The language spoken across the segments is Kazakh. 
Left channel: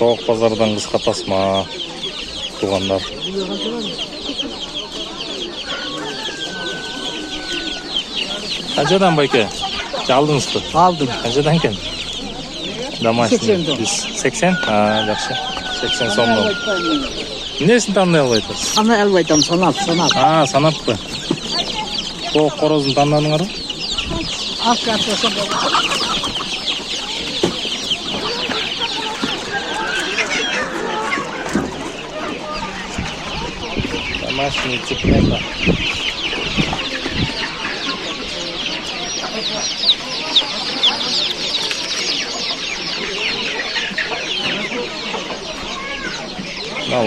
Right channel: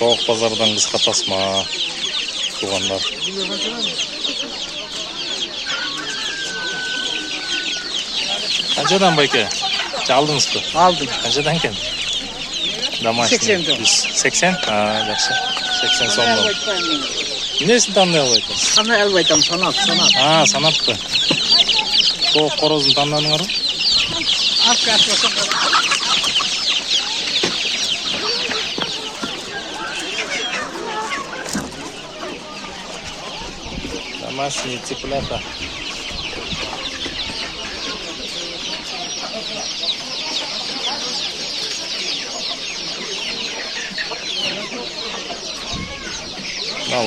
Тоқ базардан қысқа тасма туғандар. Қаншадан байке? Алдыңыз ба? Aldım. Қаншадан кен? Домашний. 80 сом. 80? Жақсы. 80 сомнан. Несін таңдай албайды? Sana elbette sanat. Санап па? Тоқ қорозын таңдадыңар ма? Домашние цыплята.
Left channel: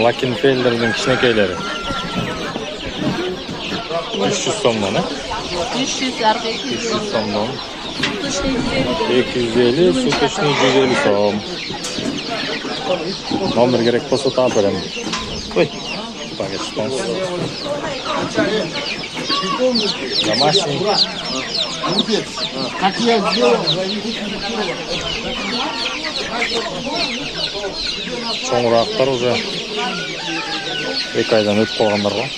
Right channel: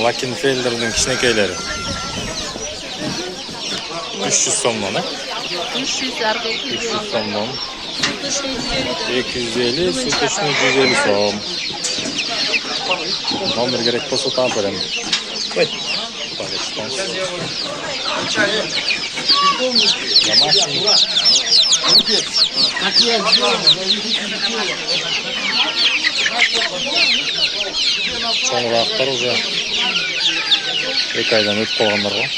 Лакенфельдердің кішінекейлері. 300 сомнан, 300 сомнан. 250, суточный 150 сом. Номер керек болса тап берем. Ой, Дагестан. Домашний. Çoğunraqlar уже 2 aydan ötüp қалғандар ғой.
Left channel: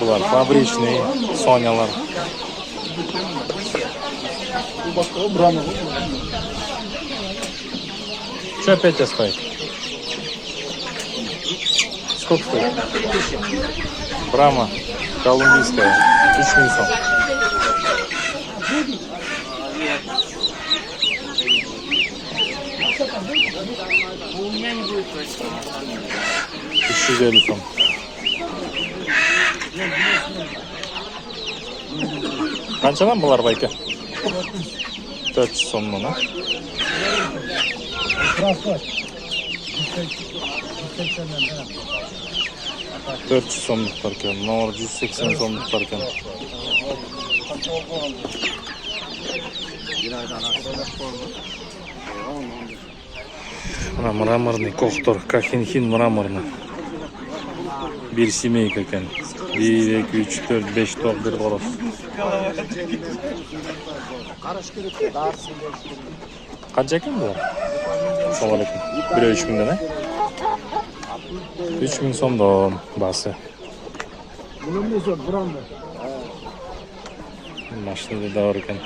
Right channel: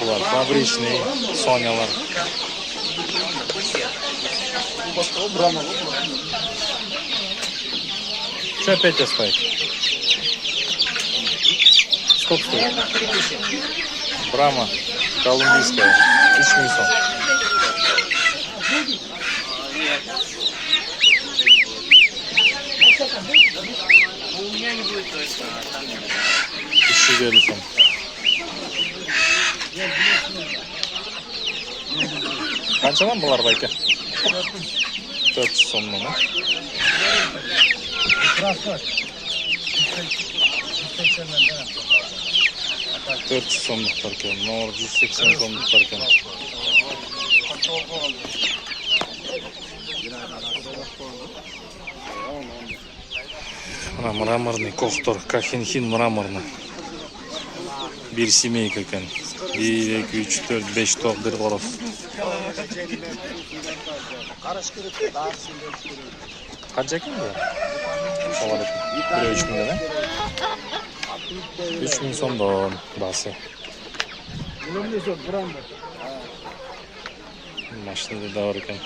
Бұлар фабричный, сонялар. Что опять стоит? Сколько стоит? Брама колумбийская, 3000 сом. У меня не будет точно. 350 сом. Қаншадан бұлар байке? 400 сомнан, а? 400 сомдықтар кен, мынау 180 сомдықтар кен. Мына мраморный коқтор, Кахенхин мраморный. Bir семейка кен. 1, 2, 3, 4, 5 тоқ бір қорос. Қанша кен бұлар? Салар екен. Біреу 3000-ден, а? 3000 сомдан басы. Машинада да бар екен.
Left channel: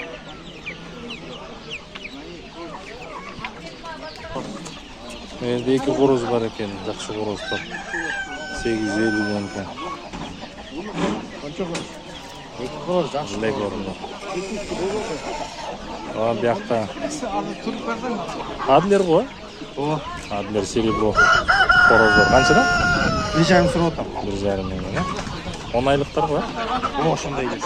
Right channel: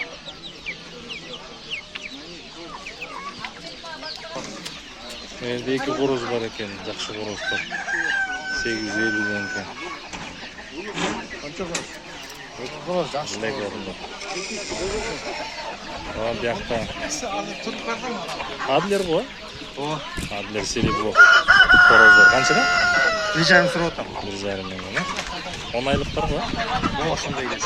Менде 2 қороз бар екен, жақсы қороздар. 850-ден екен. Лек орында. Бияқта. Адлер ғой? Адлер серебро. Қороздар. Қаншадан? 1,5 сұрап отам. 1,5 мыңнан. 10 айлықтар ғой? Осындай емес.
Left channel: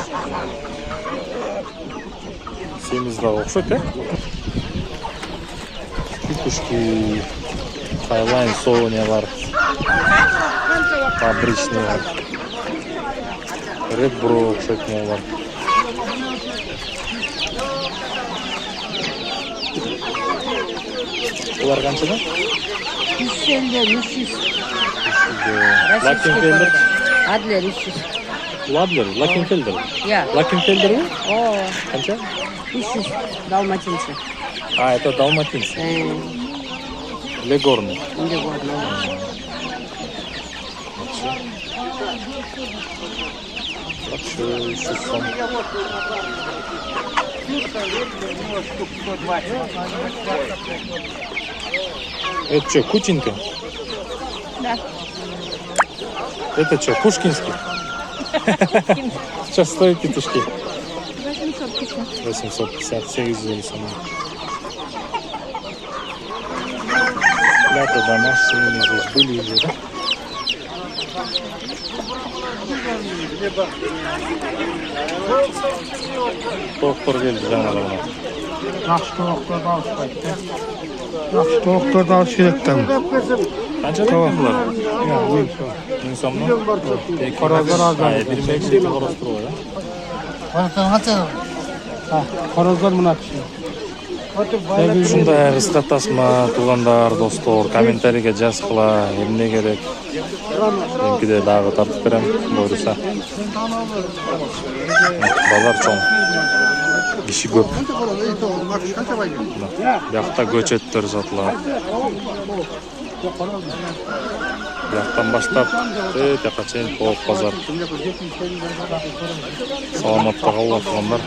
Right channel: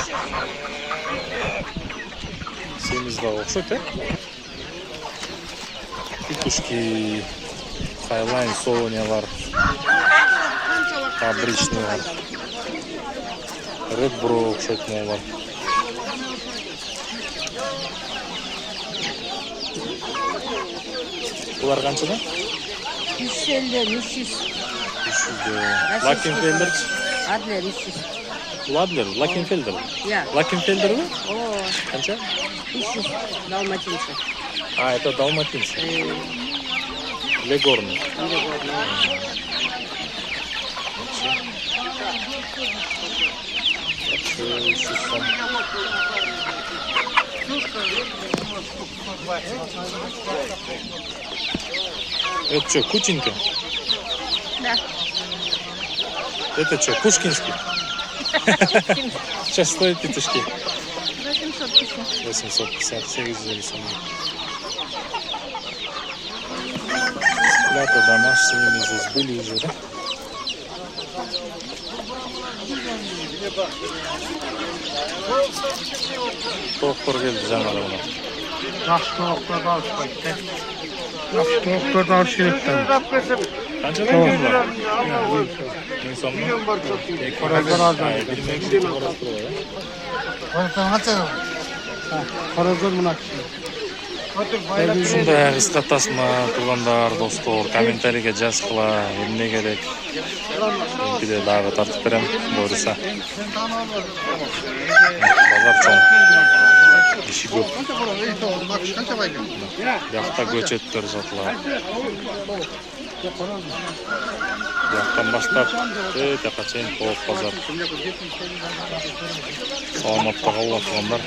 Семіздағы ұқсайды, Петушки, Хайлайн, Сонялар, фабричныйлар, Red Bro ұқсайды молар. Бұлар қаншадан? 150, 300. Лакенфельдер? Adler 300. Ладлер, Лакенфельдер. Я. Лакенфельдер ғой? О, Қанша? 300 далматинцы. Это далматинцы. Легорный. Это что, Кучинка? Да. Это что, Пушкинский? Сейчас стоит петушки. 850. 850, 850 сом. Лято домашними здесь были уже, да? Тоқтар келді жаңада бұна. Жақсы тоқтарды алыспайды. Жақсы тоқтарды алып жүректен. Қаншадан екен бұлар? 1000 сом ма? Едірмек жеті қораз тұр ғой, Қароздар мұна кіші. Ушундай кыска тасма туугандар, достор, комментарийге жазгыла, эмне керек. Меники дагы тартып берем, буюрса. Базар чоң. Dişi көп. Бияқта көчөттөр сатылат. Бияқтан баштап тияққа чейин толук базар. Саламатта калыңдар.